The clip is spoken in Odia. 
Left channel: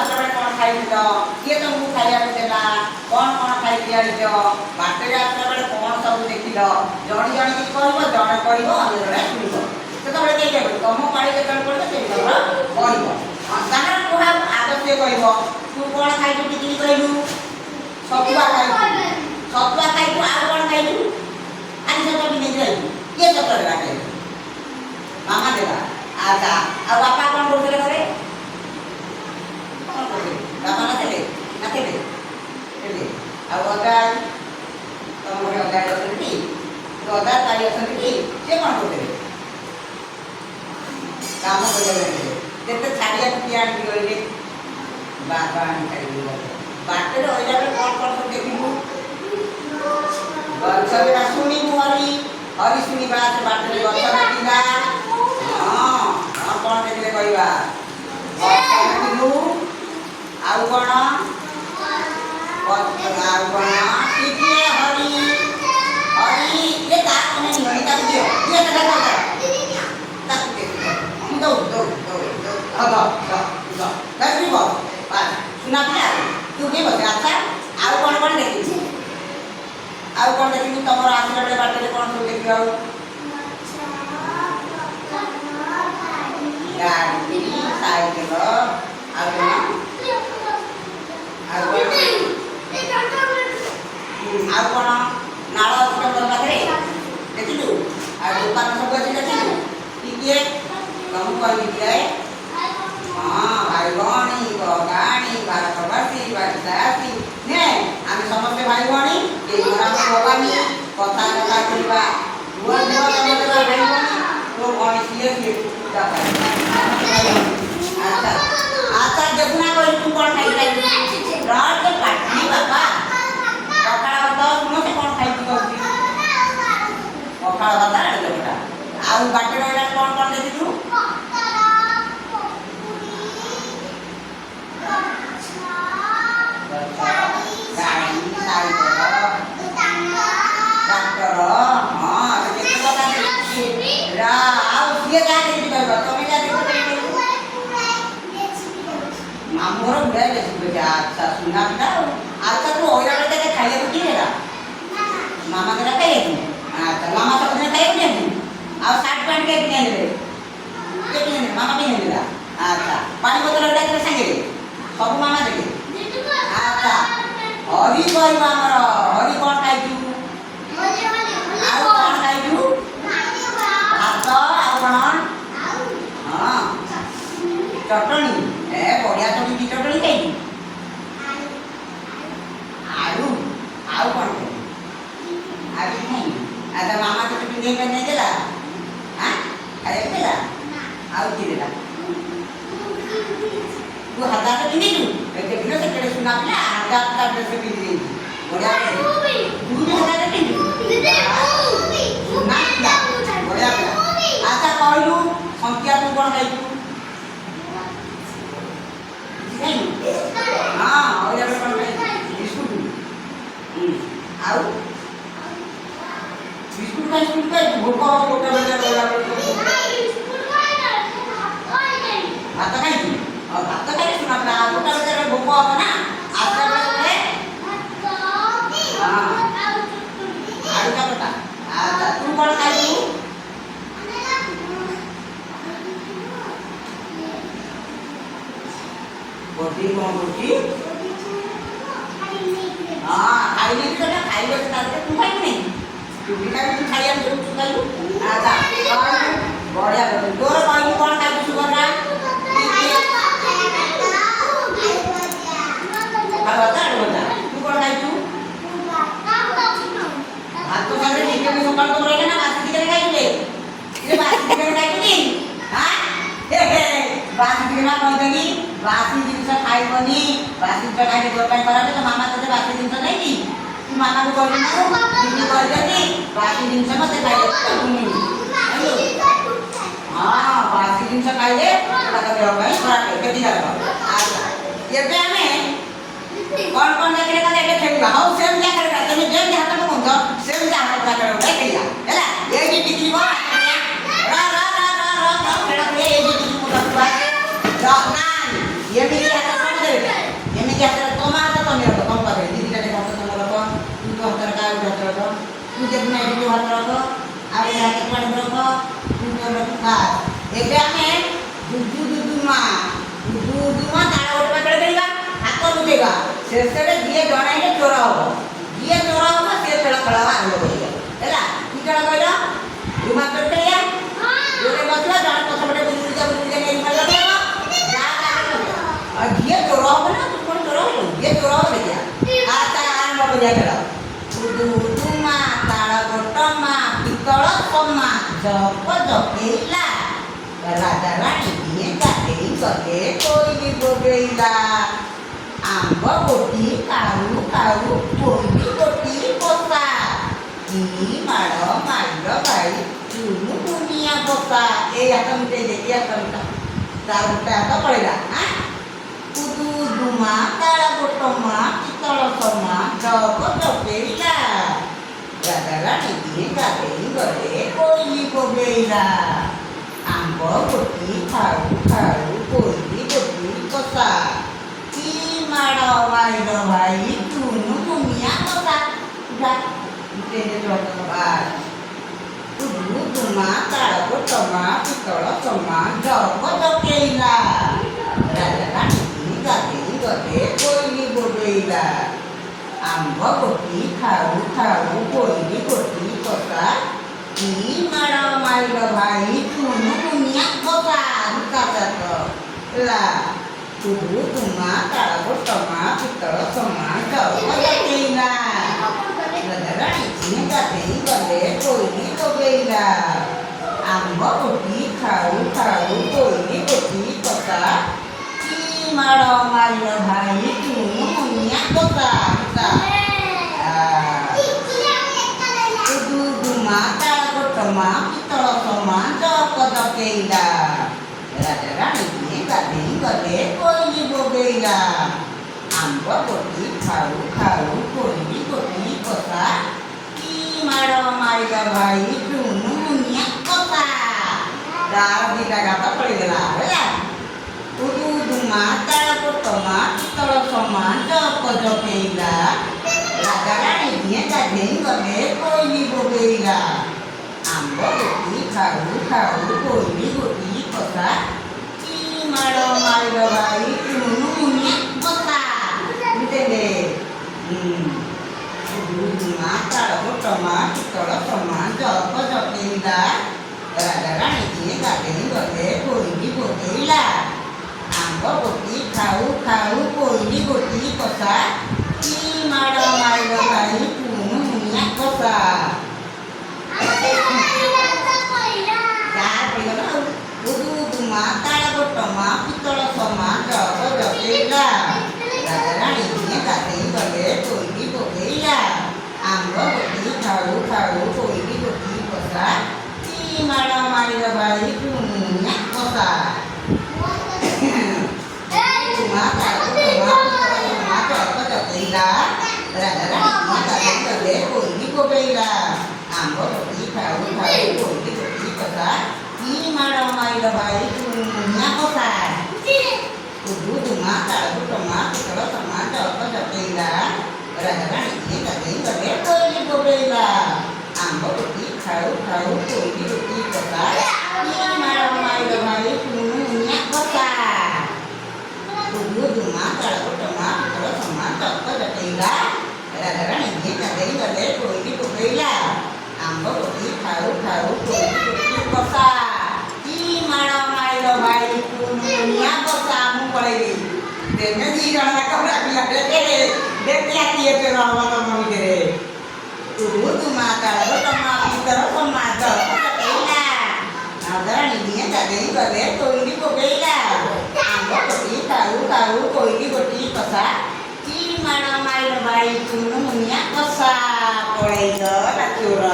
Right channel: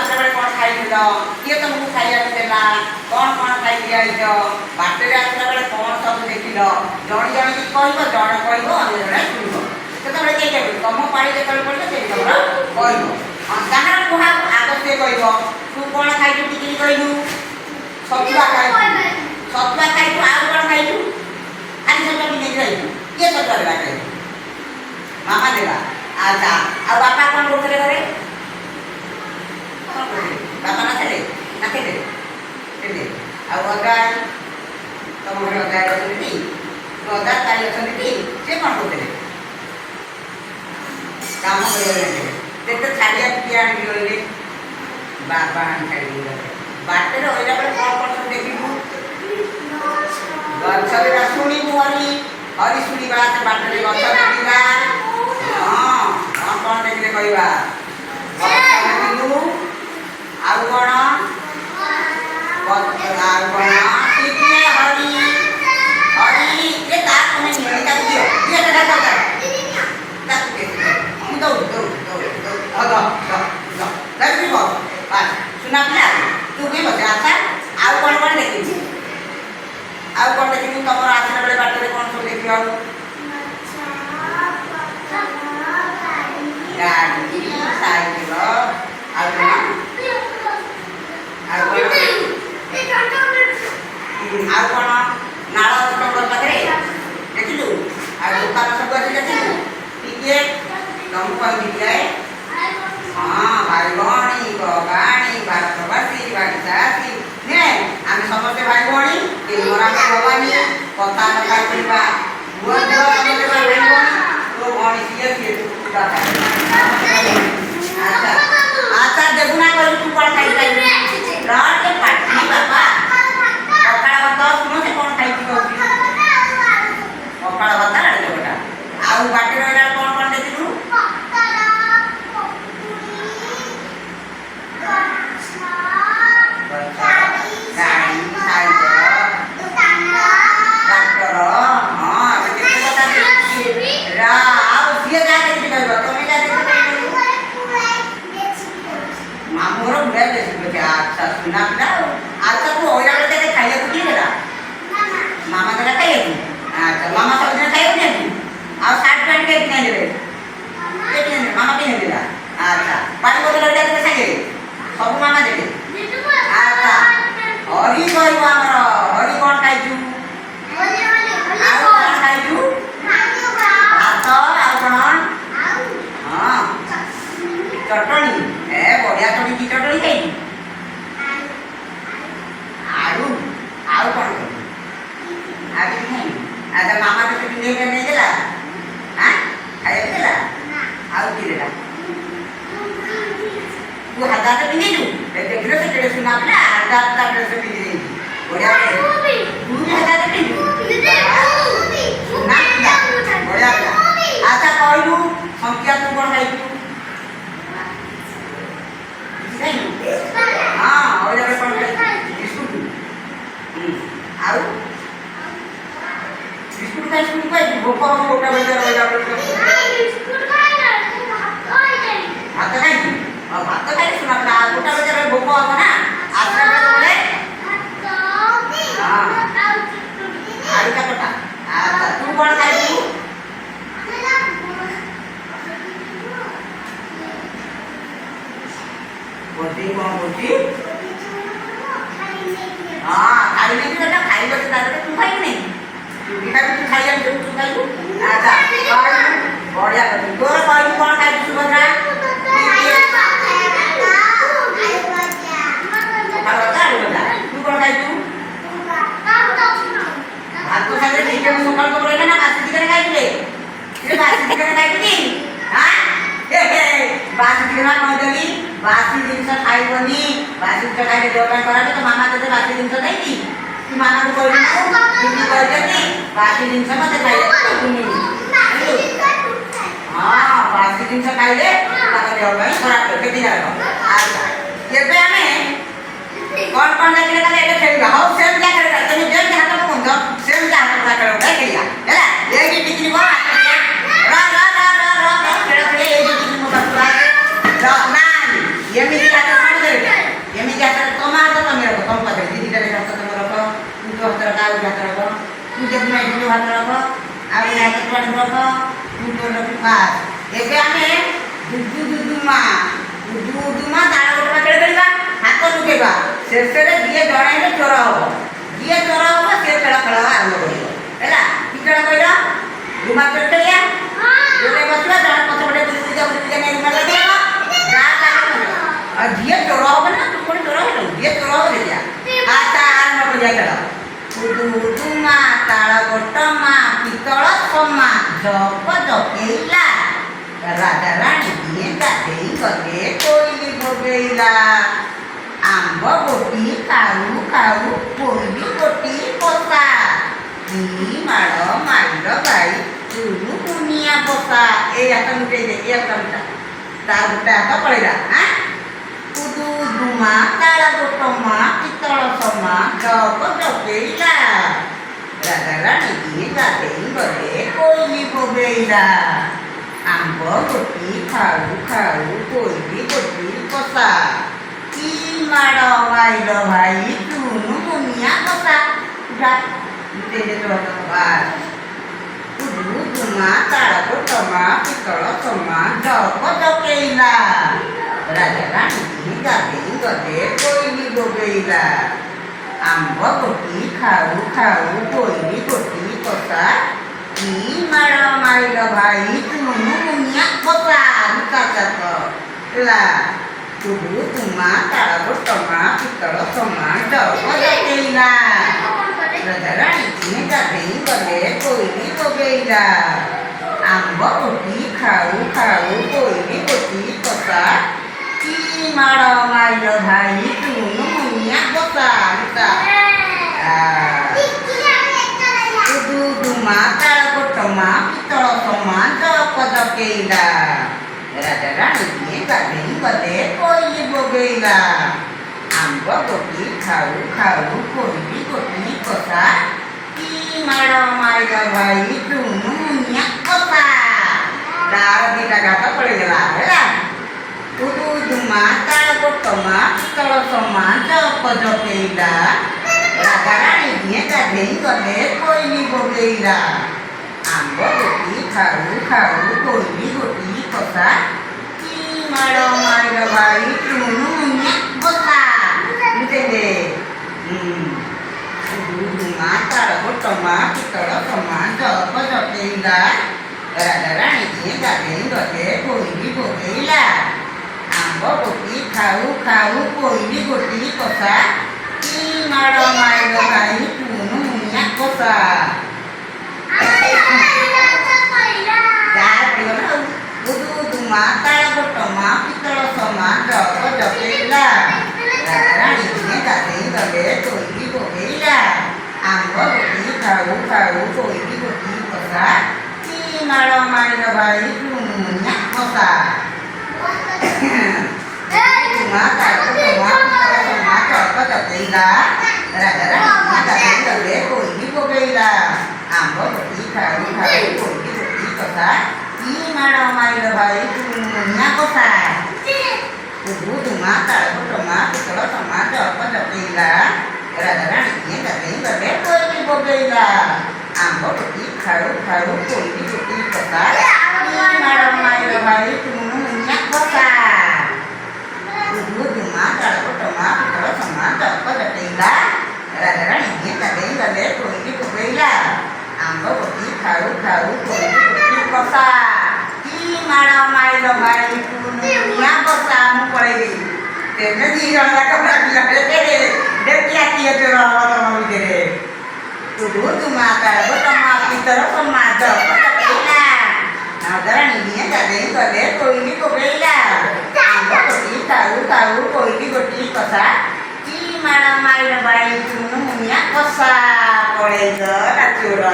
आसला बेले कौन खाइल किए तुमको खाइया देला कौन खाई आइछ बाटे आसला बेले कौन सब देखिल जणी जणी की कहबो जण कहबो अन्य जणे सुनिबो सेतबेले के कहबो तुम पाड़ी जेतबेले पड़े से तमरा कहबो जाना कुहा आगे से कहबो तू कौन खाइलु टिकि कहलु सतुआ खाइलु आ कौन खाइलु आज से भी नहीं रही के सतुआ देला मामा देला आजा आ बापा कौन करते घरे बापा ना थे आ अदाय तुम घर अदाय अच्छी तो अदा ताई अच्छी से कौन करते काम कर छाड़िया किए आने गले बापा आनी छाड़ी बाटे रहा बेले कौन सब देखू गचरा शुणु हरी शुणा बाटे गच देखा हाँ कौन देखिले कहवा देखलु आउ कौन टिके हरी हरी ये ताक नहीं हरी का दियो ये का ताक दो लक्ष्मी बो सुना पिला तू के बता अच्छा आउ कौन देखि आउ कौन देखि तमर आसला बेले बाटे कौन सब देखियो गाड़ी साइकिल कौन नाल टंगर पाखे देखिलु आ दुकान सब अच्छी देखिलु टिके तुम कह हाँ भाई भणी गाणी भारतवासी बाड़ीसासी ने आम समस्ते भाई भणी मोरा भवानी कथा कथा करवा नुआ नुआ समस्ते भाई भणी तो भणी सीए सीए अच्छा अच्छा देखुना कह तू कौन खाई रात के पाटी बापा पखाड़ भात तुम से कौन खाई पखाड़ भात आड़े बेटा आउ बाटे रहा कौन देखिलु मामूर बुढ़ा अच्छा सुना पिला अच्छा तू ओरा बेले खाइए किए देला मामा देला खाइए अच्छा मामा सब दिन खाइए नहीं आ शर्ट पैंट के नहीं देले मामा भी नहीं देला अच्छा पानी बोतल लगा देले संगे सब मामा देले अच्छा हरी कहबो हमर हरी कौन खाइजु आ कौन खाइजु भात आ कौन हां चटनी ए बढ़िया चटनी की चटनी खाइलु आलू आलू कौन आलू नहीं अच्छा मामा तो चटनी नहीं देला हां खाइए देला आलू की देला तू हजार से पिंदी तू देखिलो से तेरे सुना पिला हजार ड्रेस पिंदी देती बढ़िया तू भी हजार से पिंदी सुना पिला बढ़िया पिला अच्छा कहलु संख्या तू कौन खाइलु हाँ और जब कौन खाई बिस्कुट आउ बिस्कुट खाई भोक गोटा बेटा रहा बिस्कुट खाई भात खाई भात खाई सुना पिला गोटा बेटा भोक हम ना आसला बेले हाँ आलू का गोटा अच्छा तू कौन खाइलु बोटी कौन बोटी हाँ खाई नहीं बेटा खाई लो तू खाई नहीं तू खाई तू खाइलु अच्छा बढ़िया तोर कहलु कौन खाइलु सुभद्रा तू कौन खाइलु भात तो खाइले ठीक है सकाल तो रहले ना बासी चिकन खाइले ये बासी चिकन खाइलु कि हां हे बासी चिकन कहजनी बासी जिनस खाइबनी बासी जिनस खाइले देवकान कराबे तो मामा तते बासी जिनस नहीं की तू मामा को कहलु ना कहजनी बासी जिनस मते खाइले हां बासी जिनस खाइले तते देवकान खराब के दिया अच्छा एबे हमें कौन देखले का एबे खेलिबा हाउ सेम क्या करेगा तने जेम हाथ में कोन सेम क्या हाथ में करेगा खेलिया हैला ये भी बिजली को रा रा रा रा रा खेल खेल ये भी बिजली को बसला रा ना ये भी हाथ में ପୂଜା ଦିନ ଏଠି ଭାତ ରଖ ଆଉ ହାତ ପାଣି ରଖ ପୂଜା ରଖ ବାସ୍। ଏବେ ଆମେ ଦୁଦୁମା ତାଳ ଗୋଟବା ଖେଳ ଖେଳିବା ହାତ ଲୁଚେଇବା ଶେଷରେ ଯିଏ ଜଣେ ହେଲେ ଚୋର ହବ ଯିଏ ଚୋର ହବ ସେ ଖେଳ ଆରମ୍ଭ କରିବ ହେଲା। କି ଖେଳ କହିଲ? ରୁମା ଚୋର ଖେଳିବା ଯୋଉଟା ବସିବା ଜଣେ ପଛପଟେ ବୁଲି ନେଇ ରୁମା ଲଗେଇବ ଆଉ ଯିଏ ଚୋର ହବ ନା ତୁ ପୁଣି ଚୋର ହେଲୁ ଯିଏ ଚୋର ହବ ଦେଖିବା। ଆଚ୍ଛା ଆରମ୍ଭ କରିବା ଖେଳ। ଦୁଦୁମା ତାଳ ଗୋଟମା ପିତ୍ତଳ କମା ଜପ ଜପେଇଲା ରାଜା ରାଣୀ ଦିଏ ଗାଧେଇ ଗଲେ କୋଇଲି ବୋବେଇଲା ଆମ୍ବ ଗୋଟି କାଉ କାଉ କୋଇଲି ଗୋଟି ପୋଷା କି ମାଡ଼ ମାଇଲ ଗାଈ ଚୁନୁ ମୁନିଆ ପୋଷା। ଏଇ ହାତ ମିଟେଇ ଦେ ଏଇ ହାତ ମିଟା ତାର ଗୋଟେ ହାତ ପଳେଇଲା। ଦୁଦୁମା ତାଳ ଗୋଟମା ପିତ୍ତଳ ସମା ଜପ ଜପେଇଲା ରାଜା ରାଣୀ ଦିଏ ଗାଧେଇ ଗଲେ କୋଇଲି ବୋବେଇଲା ଆମ୍ବ ଗୋଟି ଖାଉ ଖାଉ କୋଇଲି ଗୋଟି କଷା କି ମାଡ଼ ମାଇଲ ଭାଇ ଚୁନୁ ମୁନିଆ କଷା। ଦୁଦୁମା ତାଳ ଗୋଟମା ପିତ୍ତଳ ସମା ଜପ ଜପେଇଲା ରାଜା ରାଣୀ ଦିଏ ଗାଧେଇ ଗଲେ କୋଇଲି ବୋବେଇଲା ଆମ୍ବ ଗୋଟି ଖାଉ ଖାଉ କୋଇଲି ଗୋଟି କଷା କି ମାଡ଼ ମାଇଲ ଭାଇ ଚୁନୁ ମୁନିଆ କଷା। ହେଲା ଦୁଦୁମା ତାଳ ଗୋଟମା ପିତ୍ତଳ ସମା ଜପ ଜପେଇଲା ରାଜା ରାଣୀ ଦିଏ ଗାଧେଇ ଗଲେ କୋଇଲି ବୋବେଇଲା ଆମ୍ବ ଗୋଟି ଖାଉ ଖାଉ କୋଇଲି ଗୋଟି କଷା କି ମାଡ଼ ମାଇଲ ଭାଇ ଚୁନୁ ମୁନିଆ କଷା। ଦୁଦୁମା ତାଳ ଗୋଟମା ପିତ୍ତଳ ସମା ଜପ ଜପେଇଲା ରାଜା ରାଣୀ ଦିଏ ଗାଧେଇ ଗଲେ କୋଇଲି ବୋବେଇଲା ଆମ୍ବ ଗୋଟି ଖାଉ ଖାଉ କୋଇଲି ଗୋଟି କଷା କି ମାଡ଼ ମାଇଲ ଭାଇ ଚୁନୁ ମୁନିଆ କଷା। ତାର ଦିଟା ଗାତ ପଳେଇଗଲା ହେଲା। ଦୁଦୁମା ତାଳ ଗୋଟମା ପିତ୍ତଳ ସମା ଜପ ଜପେଇଲା ରାଜା ରାଣୀ ଦିଏ ଗାଧେଇ ଗଲେ କୋଇଲି ବୋବେଇଲା ଆମ୍ବ ଗୋଟି ଖାଉ ଖାଉ କୋଇଲି ଗୋଟି କଷା କି ମାଡ଼ ମାଇଲ ଭାଇ ଚୁନୁ ମୁନିଆ କଷା। ଦୁଦୁମା ତାଳ ଗୋଟମା ପିତ୍ତଳ ସମା ଜପ ଜପେଇଲା ରାଜା ରାଣୀ ଦିଏ ଗାଧେଇ ଗଲେ କୋଇଲି ବୋବେଇଲା ଆମ୍ବ ଗୋଟି ଖାଉ ଖାଉ କୋଇଲି ଗୋଟି କଷା କି ମାଡ଼ ମାଇଲ ଭାଇ ଚୁନୁ ମୁନିଆ କଷା। ଦୁଦୁମା ତାଳ ଗୋଟମା ପିତ୍ତଳ ସମା ଜପ ଜପେଇଲା ରାଜା ରାଣୀ ଦିଏ ଗାଧେଇ ଗଲେ କୋଇଲି ବୋବେଇଲା ଆମ୍ବ ଗୋଟି ଖାଉ ଖାଉ କୋଇଲି ଗୋଟି କଷା କି ମାଡ଼ ମାଇଲ ଭାଇ ଚୁନୁ ମୁନିଆ କଷା। ଦୁଦୁମା ତାଳ ଗୋଟମା ପିତ୍ତଳ ସମା ଜପ ଜପେଇଲା ରାଜା ରାଣୀ ଦିଏ ଗାଧେଇ ଗଲେ କୋଇଲି ବୋବେଇଲା ଆମ୍ବ ଗୋଟି ଖାଉ ଖାଉ କୋଇଲି ଗୋଟି କଷା କି ମାଡ଼ ମାଇଲ ଭାଇ ଚୁନୁ ମୁନିଆ କଷା। ଦୁଦୁମା ତାଳ ଗୋଟମା ପିତ୍ତଳ ସମା ଜପ ଜପେଇଲା ରାଜା ରାଣୀ ଦିଏ ଗାଧେଇ ଗଲେ କୋଇଲି ବୋବେଇଲା ଆମ୍ବ ଗୋଟି ଖାଉ ଖାଉ କୋଇଲି ଗୋଟି କଷା କି ମାଡ଼ ମାଇଲ ଭାଇ ଚୁନୁ ମୁନିଆ କଷା। ଦୁଦୁମା ତାଳ ଗୋଟମା ପିତ୍ତଳ ସମା ଜପ ଜପେଇଲା ରାଜା ରାଣୀ ଦିଏ ଗାଧେଇ ଗଲେ କୋଇଲି ବୋବେଇଲା ଆମ୍ବ ଗୋଟି ଖାଉ ଖାଉ କୋଇଲି ଗୋଟି କଷା କି ମାଡ଼ ମାଇଲ ଭାଇ ଚୁନୁ ମୁନିଆ କଷା। ମୁଁ ପଳେଇବି ତେମେ ଦି ଜଣ ଯାକ ଭାବିଲା ବେଳେ ଦେଖିଆ କିଏ ଚୋର ହବ ତମ ଭିତରେ। ଦୁଦୁମା ତାଳ ଗୋଟମା ପିତ୍ତଳ ସମା ଜପ ଜପେଇଲା ରାଜା ରାଣୀ ଦିଏ ଗାଧେଇ ଗଲେ କୋଇଲି ବୋବେଇଲା ଆମ୍ବ ଗୋଟି ଖାଉ ଖାଉ କୋଇଲି ଗୋଟି କଷା କି ମାଡ଼ ମାଇଲ ଭାଇ ଚୁନୁ ମୁନିଆ କଷା। ପଳେଇଗଲା ଚୋର।